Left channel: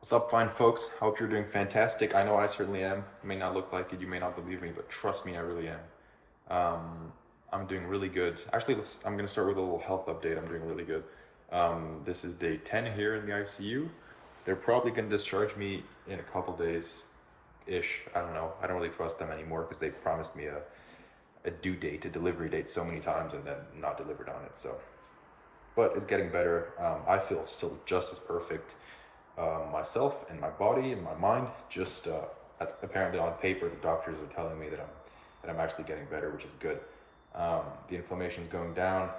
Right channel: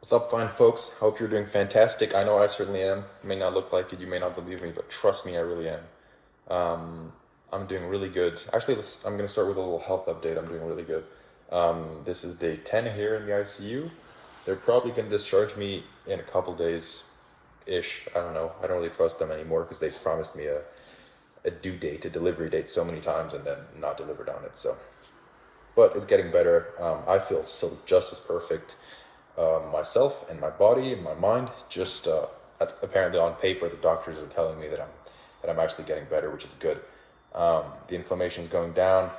What's up, fine folks? Hope you're doing fantastic. I know I certainly am. It may not look like it, you may not believe me, but trust me, I really am. I'm doing really good. Actually, I'm gonna start with a little health update. I'm doing really good. This is day 10 here in the ICU. They're probably gonna discharge me in a couple days ish. I don't know. I don't really trust them anymore because they promised me a due date, a delivery date so many times and then not delivered on it. So, but it's getting better. I feel still just as perfect myself and my body and my mind. Just apparently on paper, the doctors are telling me that I'm actually getting better, which is good. The inflammation is going down.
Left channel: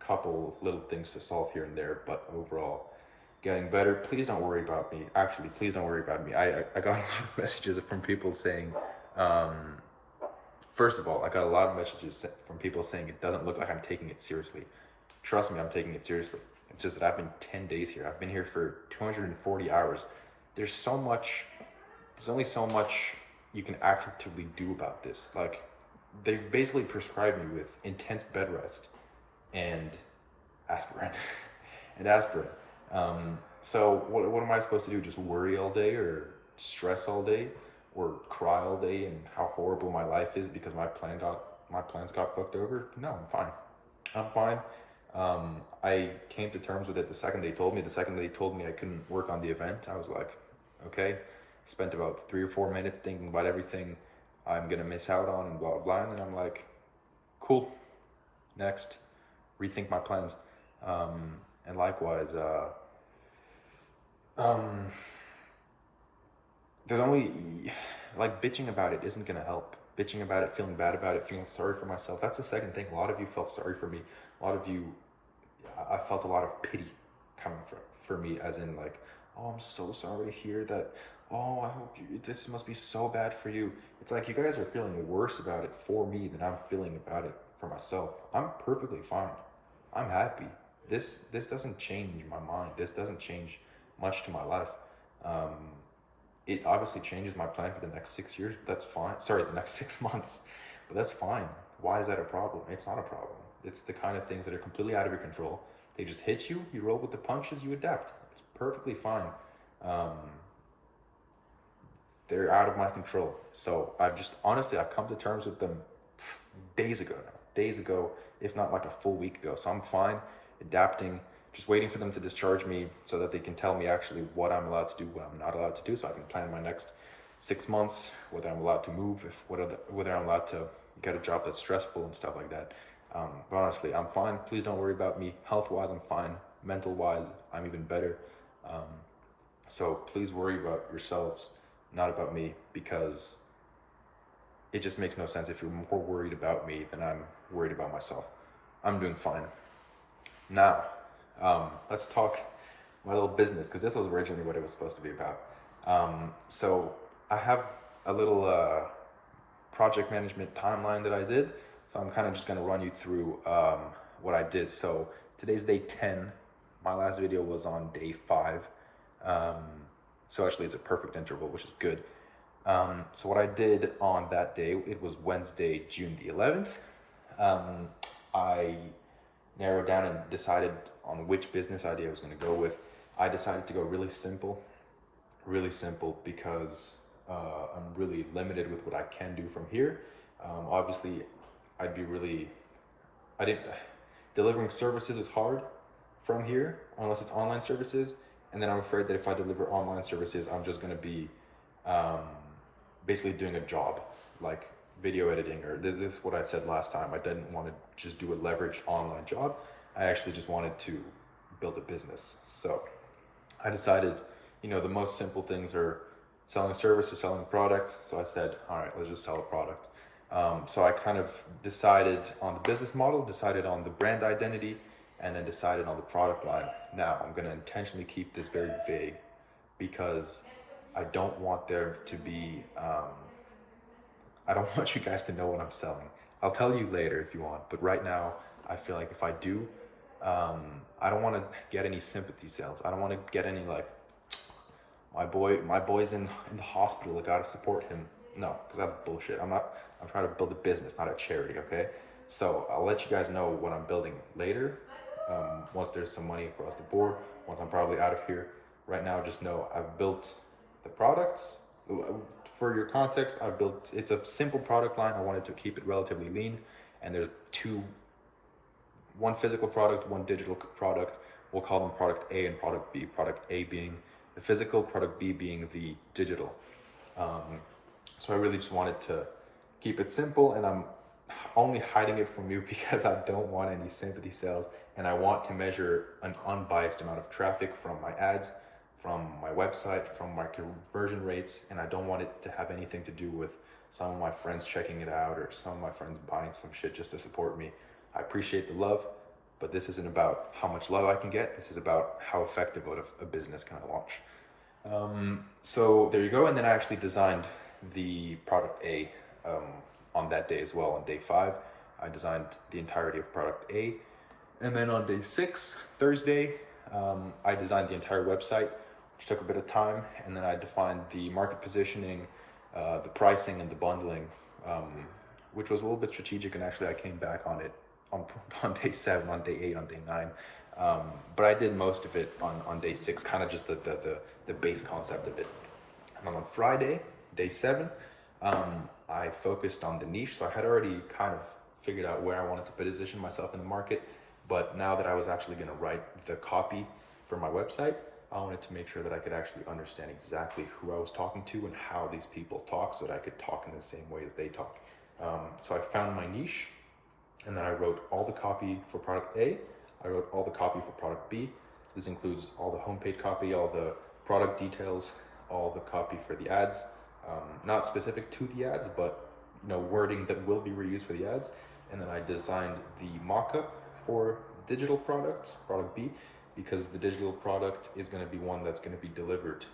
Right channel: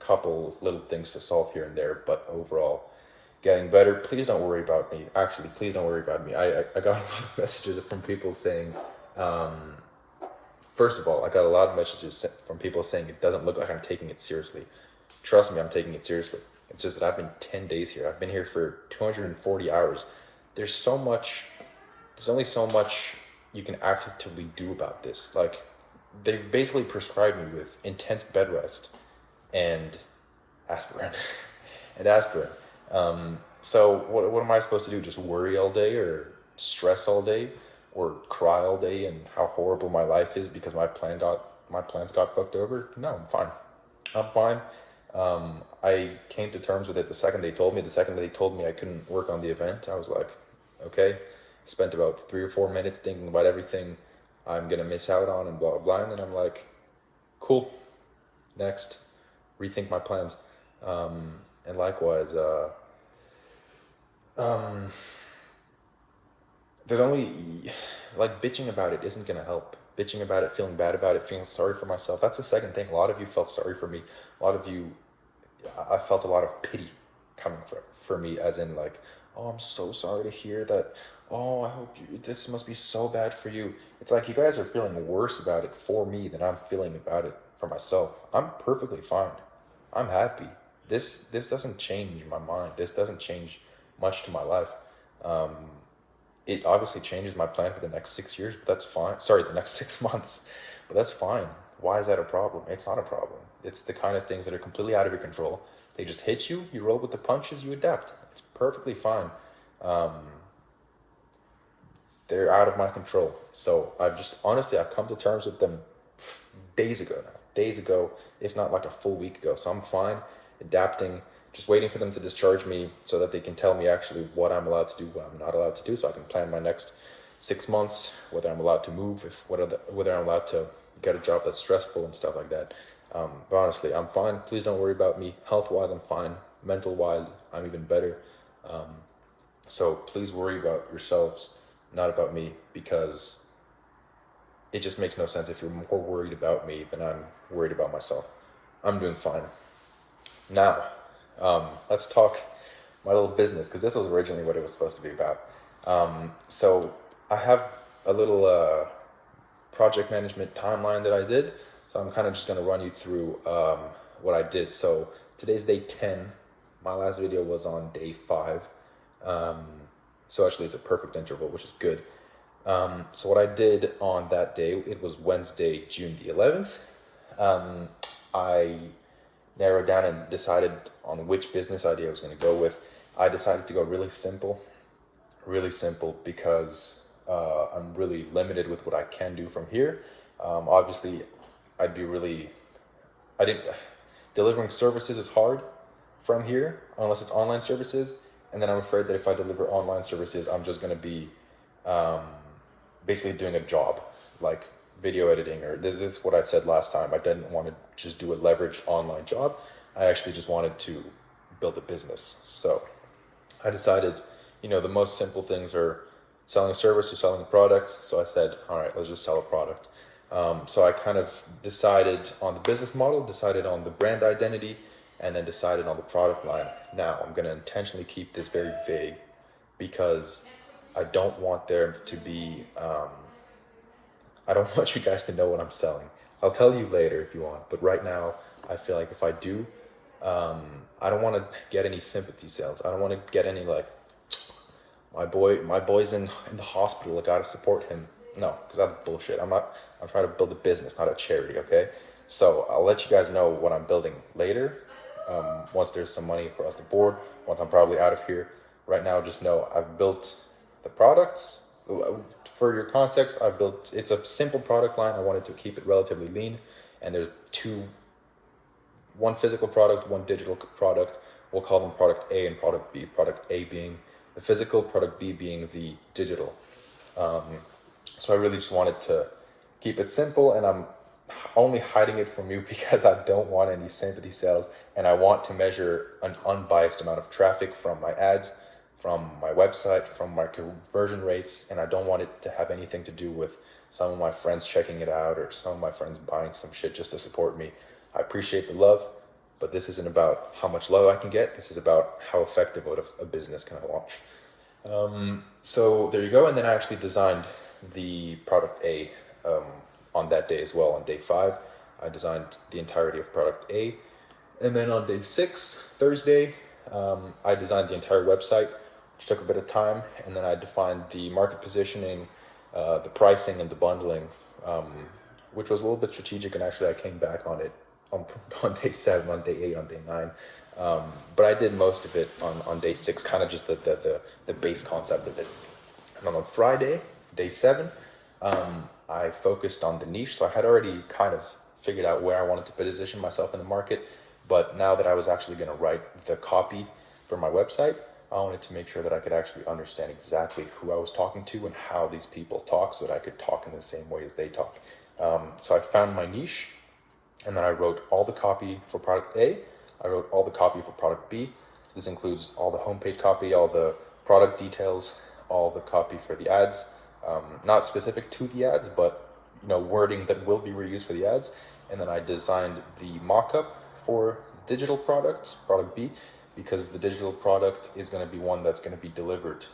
Couple little things to solve here and there, but overall, getting better. Please don't worry about me. Actually, please don't worry about me. I got a lot of messages from people saying, first of all, I got a lot of messages from people saying it doesn't look like I'm taking it seriously. Trust me, I'm taking it seriously. It's just that I've been 10 days here. I've been here for 240 hours. There's so much, there's only so much you can actively do about this. Like, they've basically prescribed me with intense bed rest and aspirin and aspirin. So what am I supposed to do? Just worry all day or stress all day or cry all day and how horrible my life is because my plans got fucked over? No, I'm fine. I'm fine. I came to terms with it the second they told me. The second they told me I couldn't work on the event, I was like, okay. Spent about 3 or 4 minutes thinking about everything I'm gonna miss out on and blah blah blah. And then I'm like, cool. Next, rethink my plans. And likewise, um, there's only like bitching about it isn't gonna help. Bitching about it, feeling bad about it, feeling sorry for myself. That's the second thing. A lot of you felt sorry for me. A lot of you, I felt a lot of pity coming for me, as in like, oh, I'm so sorry to hear that. Oh, I hope this must be so bad for you. It's like you guys are feeling worse about it for me than I'm feeling about it for myself. I'm perfectly fine. I'm happy. This doesn't change my mind. This doesn't change much to my life. Um, it obviously changes my plan for the next 6 years, but that's fine. Sorry, the next 6 months, but that's fine. Why is that a problem? It's not a problem. It's the kind of things that are completely out of your control. They just hit you, you roll with the punches, you adapt. It's perfectly fine. Um, they're out of my control. So I've come to terms with them days ago now. Days ago, if not like a full week ago. So I'm fine, adapting, just waiting for them to discharge me so that they can tell me actually what I'm allowed to do, what I'm not allowed to do, so I can plan my next 6 months, whether I'm allowed to move, whether I'm allowed to get a job that's stressful and stuff like that. But honestly, I'm fine. Please don't worry about me. Health-wise, I'm fine. Mental-wise, I'm even better. Um, so please worry about yourselves, not about me, because it just makes no sense if you're more worried about me than I'm worried about myself. I'm doing fine. Now, let's talk my little business because this was originally what it was supposed to be about. So I have a little project management timeline that I did. So I'm kind of just going to run you through what I did. So today's day 10. My last video was on day 5. Um, so actually it's a perfect interval, which is good. So what I did on that day, it was Wednesday, June the 11th. I narrowed down and decided on which business idea I was going to go with. I decided to go really simple because I'm really limited with what I can do from here. Obviously, I'd be really, I didn't, delivering services is hard from here unless it's online services. And then I'm afraid that if I deliver online services, I'm just going to be um, basically doing a job like video editing, or this is what I said last time. I didn't want to just do a leverage online job. I actually just wanted to build a business. So I decided, the most simple things are selling a service or selling a product. So I said, all right, let's just sell a product. So I kind of decided on the business model, decided on the brand identity, and then decided on the product line. Now I'm going to intentionally keep this very vague because I don't want there to be, I don't want you guys to know what I'm selling. I'll tell you later if you want, but right now I feel like if I do, I don't want to get any sympathy sales. I don't want to get any like, my boy's in the hospital, I gotta support him. No, because that's bullshit. I'm trying to build a business, not a charity, okay? So I'll let you guys know what I'm building later, once there's some money across the board, once I'm probably out of here. right now, just know I've built the products. For your context, it's a simple product line. I wanted to keep it relatively lean, and there's one physical product, one digital product. We'll call them product A and product B. Product A being the physical, product B being the digital. So I really just wanted to keep it simple, and I'm only hiding it from you because I don't want any sympathy sales, and I want to measure an unbiased amount of traffic from my ads, from my website, from my conversion rates, and I don't want it to have anything to do with some of my friends checking it out or some of my friends buying some shit just to support me. I appreciate the love, but this isn't about how much love I can get. This is about how effective of a business can I launch. So there you go. And then I actually designed the product A on that day as well. On day 5, I designed the entirety of product A. And then on day 6, Thursday, I designed the entire website, which took a bit of time. And then I defined the market positioning, the pricing, and the bundling, which was a little bit strategic. And actually I came back on it on day 7, on day 8, on day 9. But I did most of it on day 6, kind of just the base concept of it. And on Friday, day 7, I focused on the niche. So I had already kind of figured out where I wanted to position myself in the market. But now that I was actually going to write the copy for my website, I wanted to make sure that I could actually understand exactly who I was talking to and how these people talk, so that I could talk in the same way as they talk. So I found my niche, and then I wrote all the copy for product A. I wrote all the copy for product B. So this includes all the homepage copy, all the product details, all the copy for the ads, not specific to the ads, but wording that will be reused for the ads. And then I designed the mock-up for digital product B, because the digital product is going to be one that's going to be delivered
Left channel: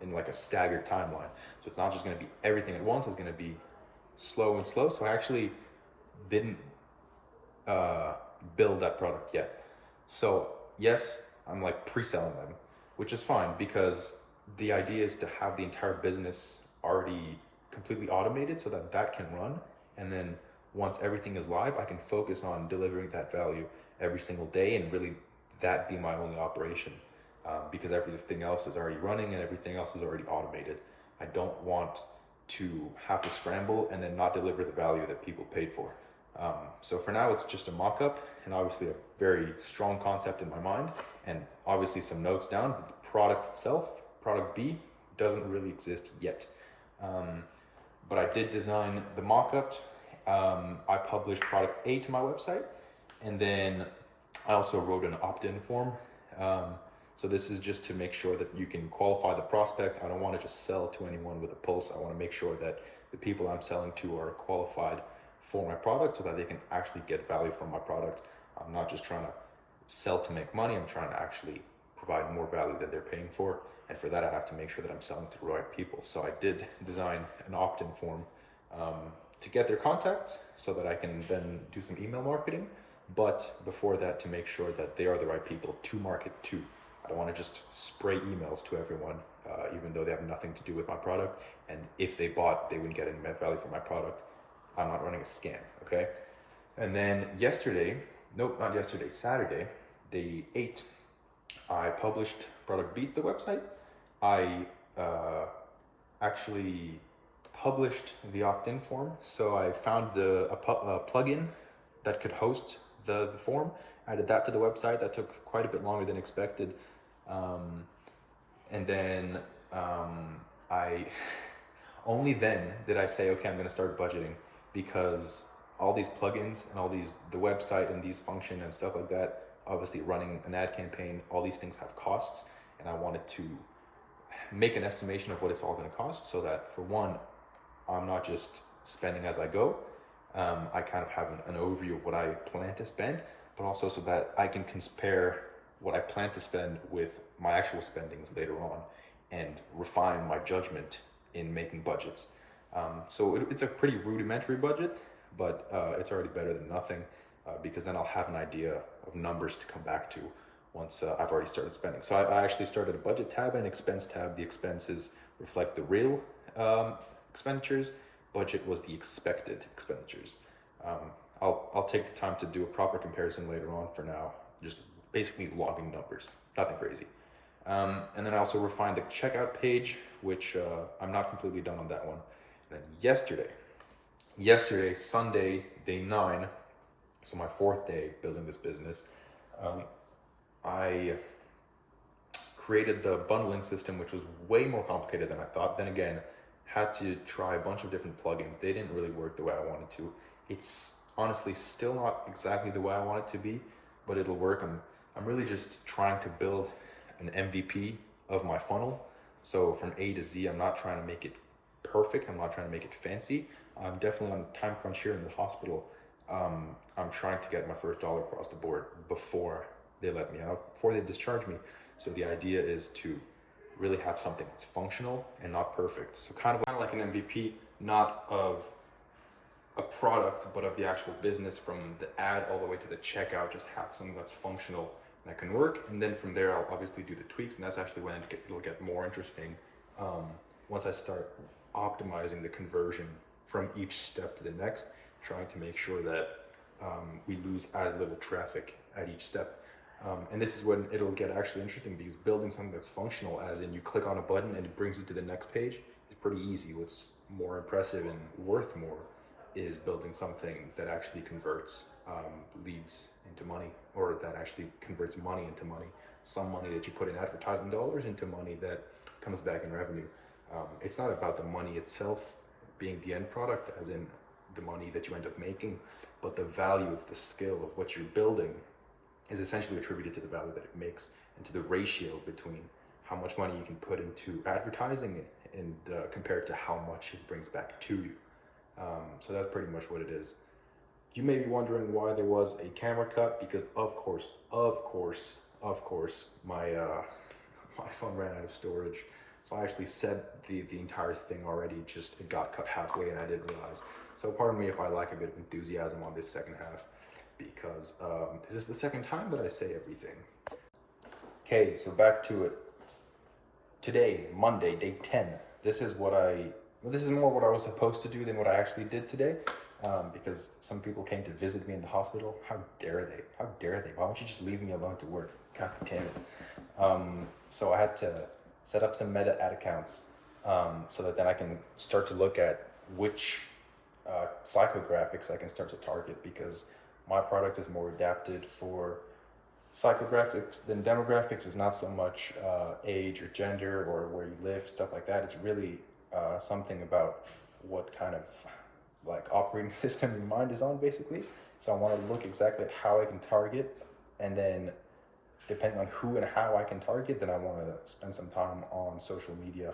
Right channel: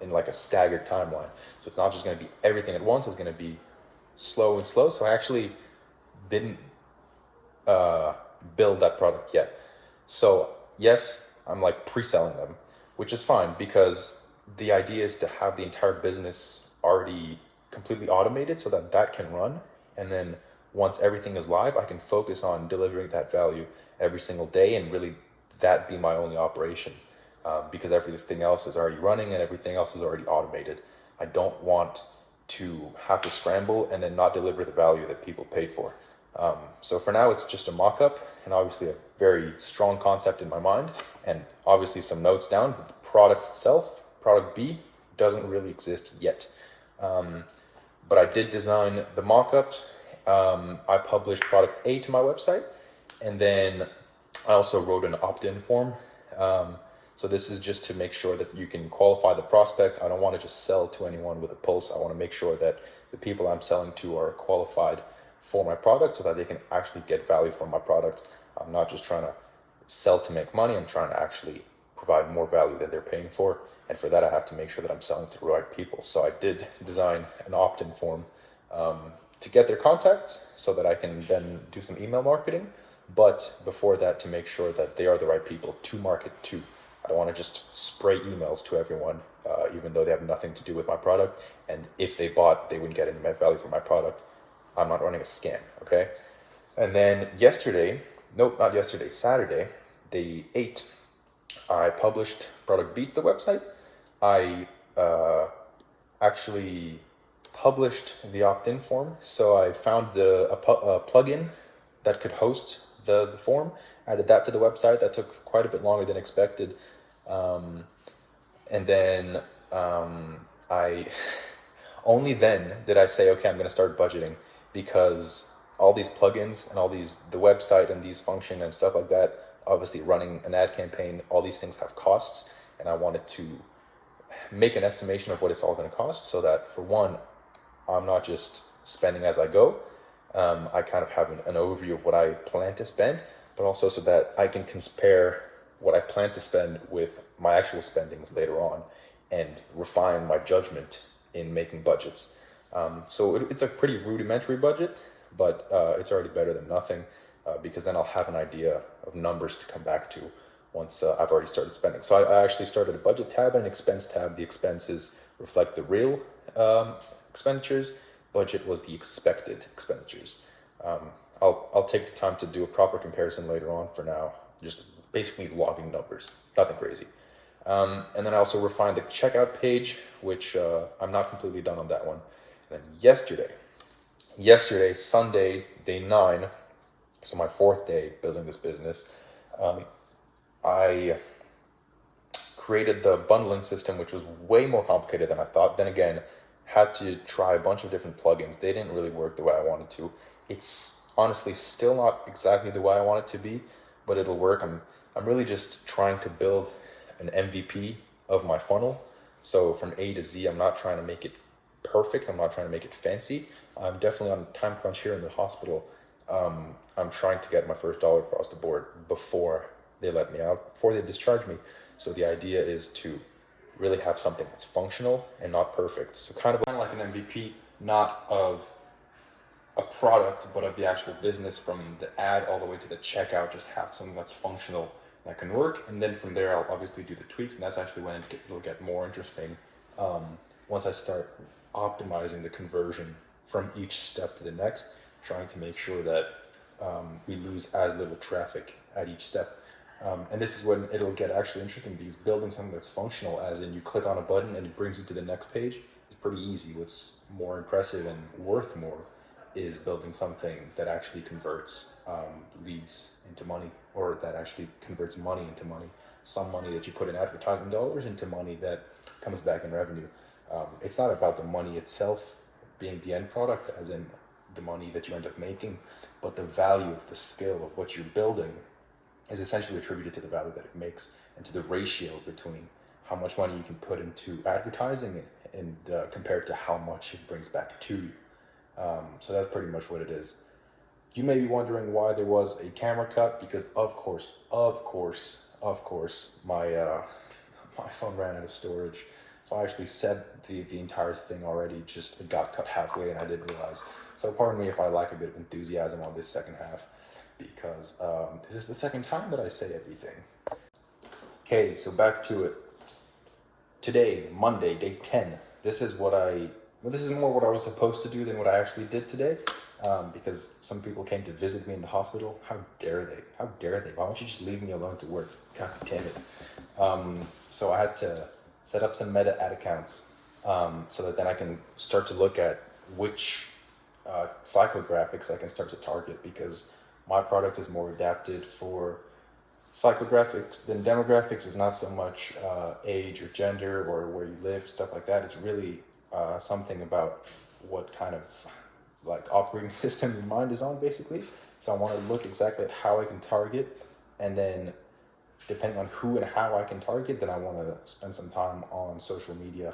in like a staggered timeline. So it's not just going to be everything at once. It's going to be slow and slow. So I actually didn't build that product yet. So yes, I'm like pre-selling them, which is fine, because the idea is to have the entire business already completely automated so that that can run. And then once everything is live, I can focus on delivering that value every single day, and really that be my only operation, because everything else is already running and everything else is already automated. I don't want to have to scramble and then not deliver the value that people paid for. So for now, it's just a mock-up, and obviously a very strong concept in my mind, and obviously some notes down. But the product itself, product B, doesn't really exist yet. But I did design the mock-up. I published product A to my website, and then I also wrote an opt-in form. So this is just to make sure that you can qualify the prospects. I don't want to just sell to anyone with a pulse. I want to make sure that the people I'm selling to are qualified for my product, so that they can actually get value from my product. I'm not just trying to sell to make money. I'm trying to actually provide more value than they're paying for. And for that, I have to make sure that I'm selling to the right people. So I did design an opt-in form to get their contacts, so that I can then do some email marketing. But before that, to make sure that they are the right people to market to. I don't want to just spray emails to everyone, even though they have nothing to do with my product. And if they bought, they wouldn't get any value from my product. I'm not running a scam, okay? And then Saturday, day 8, I published product B to the website. I actually published the opt-in form. So I found a plugin that could host the form, added that to the website. That took quite a bit longer than expected. And then I only then did I say, okay, I'm going to start budgeting, because all these plugins and all the website and these function and stuff like that, obviously running an ad campaign, all these things have costs, and I wanted to make an estimation of what it's all going to cost, so that for one, I'm not just spending as I go. I kind of have an overview of what I plan to spend, but also so that I can compare what I plan to spend with my actual spendings later on, and refine my judgment in making budgets. So it's a pretty rudimentary budget, but it's already better than nothing, because then I'll have an idea of numbers to come back to once I've already started spending. So I actually started a budget tab and an expense tab. The expenses reflect the real expenditures. Budget was the expected expenditures. I'll take the time to do a proper comparison later on. For now, just basically logging numbers, nothing crazy. And then I also refined the checkout page, which I'm not completely done on that one. And then yesterday, Sunday, day 9, so my 4th day building this business, I created the bundling system, which was way more complicated than I thought. Then again, had to try a bunch of different plugins. They didn't really work the way I wanted to. It's honestly still not exactly the way I want it to be, but it'll work. I'm really just trying to build an MVP of my funnel. So from A to Z, I'm not trying to make it perfect. I'm not trying to make it fancy. I'm definitely on a time crunch here in the hospital. I'm trying to get my first dollar across the board before they let me out, before they discharge me. So the idea is to really have something that's functional and not perfect. So kind of like an MVP, not of a product, but of the actual business, from the ad all the way to the checkout. Just have something that's functional that can work. And then from there, I'll obviously do the tweaks. And that's actually when it'll get more interesting. Once I start optimizing the conversion from each step to the next, trying to make sure that we lose as little traffic at each step. And this is when it'll get actually interesting, because building something that's functional, as in you click on a button and it brings you to the next page, is pretty easy. What's more impressive and worth more is building something that actually converts leads into money, or that actually converts money into money. Some money that you put in advertising dollars into money that comes back in revenue. It's not about the money itself being the end product, as in the money that you end up making, but the value of the skill of what you're building is essentially attributed to the value that it makes and to the ratio between how much money you can put into advertising and compared to how much it brings back to you. So that's pretty much what it is. You may be wondering why there was a camera cut, because of course, my my phone ran out of storage. So I actually said the entire thing already, just it got cut halfway and I didn't realize. So pardon me if I lack a bit of enthusiasm on this second half, because this is the second time that I say everything. Okay, so back to it. Today, Monday, day 10. This is more what I was supposed to do than what I actually did today, because some people came to visit me in the hospital. How dare they? How dare they? Why don't you just leave me alone to work? God damn it. So I had to set up some meta ad accounts, so that then I can start to look at which psychographics I can start to target, because my product is more adapted for psychographics than demographics. Is not so much age or gender or where you live, stuff like that. It's really something about what kind of like operating system your mind is on, basically. So I want to look exactly at how I can target, and then depending on who and how I can target, then I want to spend some time on social media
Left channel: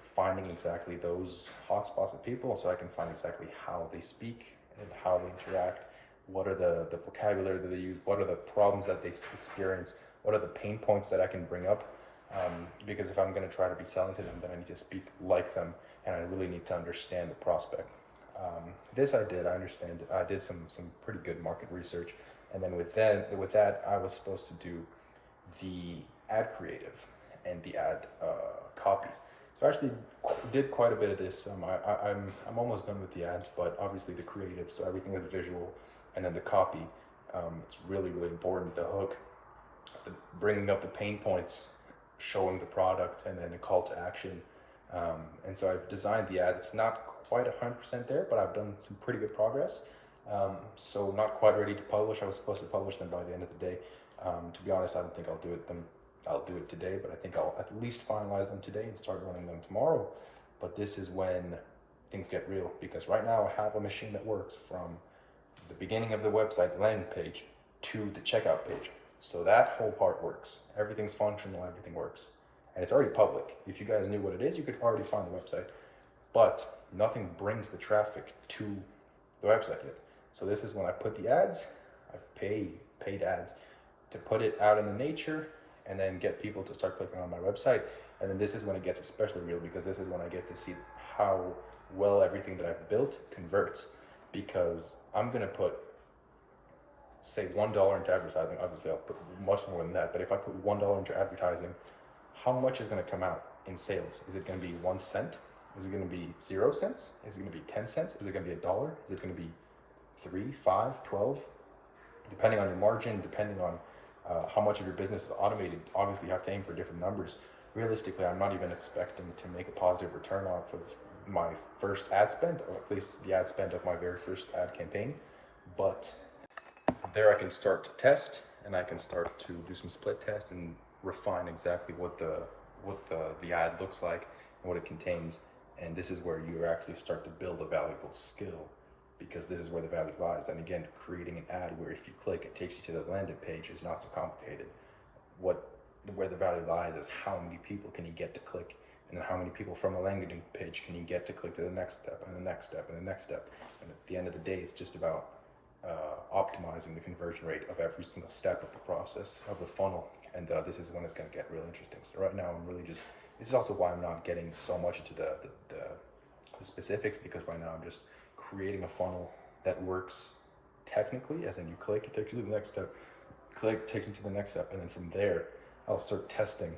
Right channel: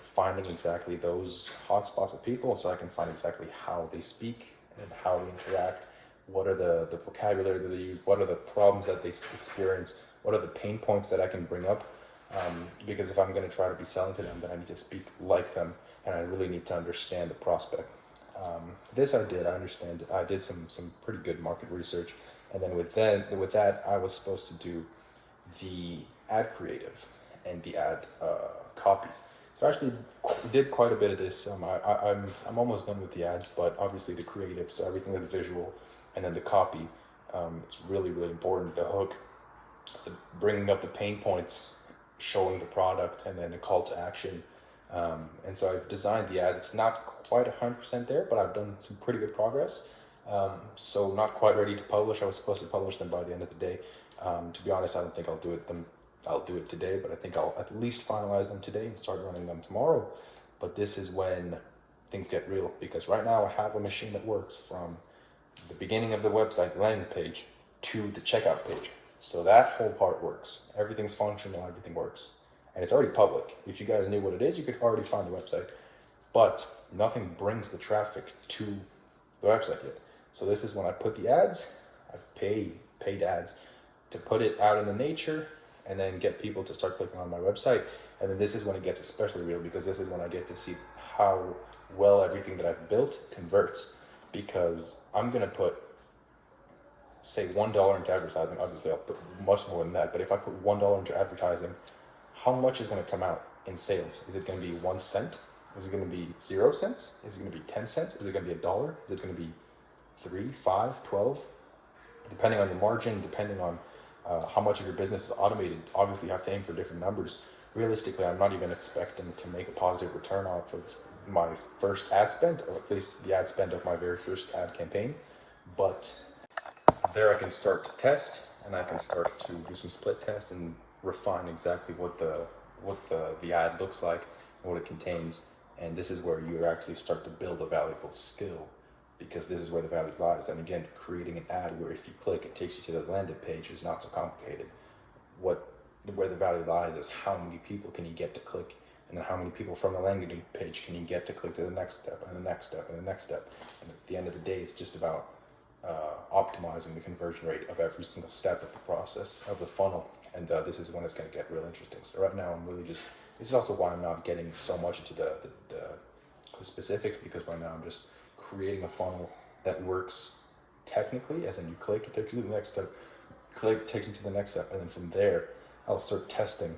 finding exactly those hotspots of people, so I can find exactly how they speak and how they interact. What are the vocabulary that they use? What are the problems that they experience? What are the pain points that I can bring up? Because if I'm going to try to be selling to them, then I need to speak like them, and I really need to understand the prospect. This I did. I did some pretty good market research, and then with that, I was supposed to do the ad creative and the ad copy. So I actually did quite a bit of this. I'm almost done with the ads, but obviously the creative, so everything is visual, and then the copy, it's really important. The hook, bringing up the pain points, showing the product, and then a call to action. And so I've designed the ads. It's not quite 100% there, but I've done some pretty good progress. So not quite ready to publish. I was supposed to publish them by the end of the day. To be honest, I don't think I'll do it today, but I think I'll at least finalize them today and start running them tomorrow. But this is when things get real, because right now I have a machine that works from the beginning of the website, the landing page, to the checkout page. So that whole part works. Everything's functional, everything works. And it's already public. If you guys knew what it is, you could already find the website. But nothing brings the traffic to the website yet. So this is when I put the ads, I paid ads to put it out in the nature, and then get people to start clicking on my website. And then this is when it gets especially real, because this is when I get to see how well everything that I've built converts. Because I'm gonna put, say, $1 into advertising. Obviously I'll put much more than that, but if I put $1 into advertising, how much is gonna come out in sales? Is it gonna be 1 cent? Is it gonna be 0 cents? Is it gonna be 10 cents? Is it gonna be $1? Is it gonna be 3, 5, 12? Depending on your margin, depending on how much of your business is automated. Obviously, you have to aim for different numbers. Realistically, I'm not even expecting to make a positive return off of my first ad spend, or at least the ad spend of my very first ad campaign. But there I can start to test, and I can start to do some split tests and refine exactly what the ad looks like and what it contains. And this is where you actually start to build a valuable skill, because this is where the value lies. And again, creating an ad where if you click it takes you to the landing page is not so complicated. Where the value lies is how many people can you get to click, and then how many people from the landing page can you get to click to the next step and the next step and the next step. And at the end of the day, it's just about optimizing the conversion rate of every single step of the process of the funnel. And this is when it's going to get real interesting. So right now I'm really just, this is also why I'm not getting so much into the specifics, because right now I'm just creating a funnel that works technically, as in you click, it takes you to the next step, click, takes you to the next step, and then from there I'll start testing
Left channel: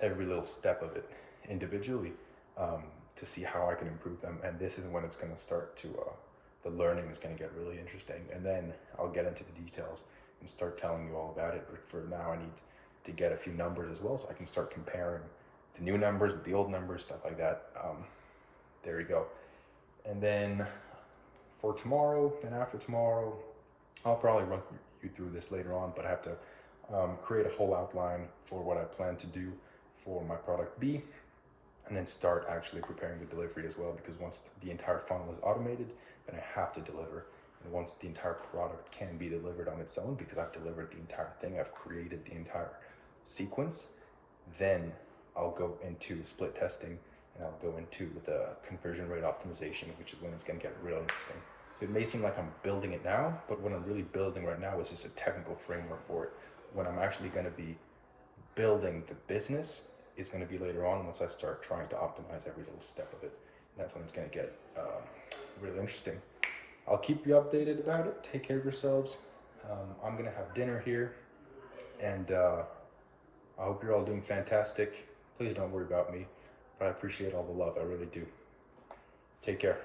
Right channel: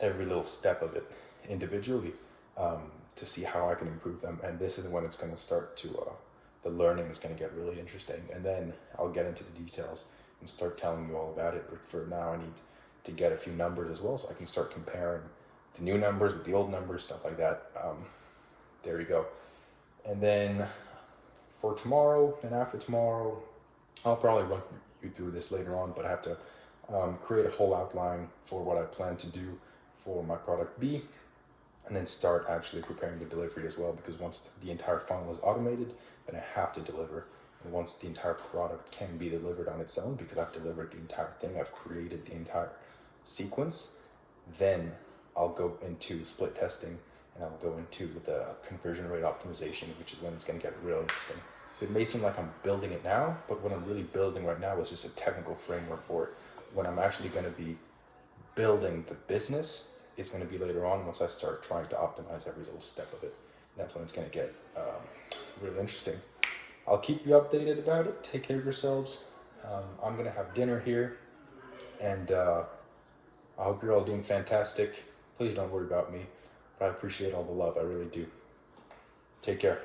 every little step of it individually, to see how I can improve them. And this is when it's going to start to the learning is going to get really interesting, and then I'll get into the details and start telling you all about it. But for now, I need to get a few numbers as well, so I can start comparing the new numbers with the old numbers, stuff like that. There you go. And then for tomorrow and after tomorrow, I'll probably run you through this later on, but I have to create a whole outline for what I plan to do for my product B, and then start actually preparing the delivery as well, because once the entire funnel is automated, then I have to deliver. And once the entire product can be delivered on its own, because I've delivered the entire thing, I've created the entire sequence, then I'll go into split testing, and I'll go into the conversion rate optimization, which is when it's going to get real interesting. So it may seem like I'm building it now, but what I'm really building right now is just a technical framework for it. When I'm actually going to be building the business is going to be later on, once I start trying to optimize every little step of it. That's when it's going to get really interesting. I'll keep you updated about it. Take care of yourselves. I'm going to have dinner here, and I hope you're all doing fantastic. Please don't worry about me, but I appreciate all the love. I really do. Take care.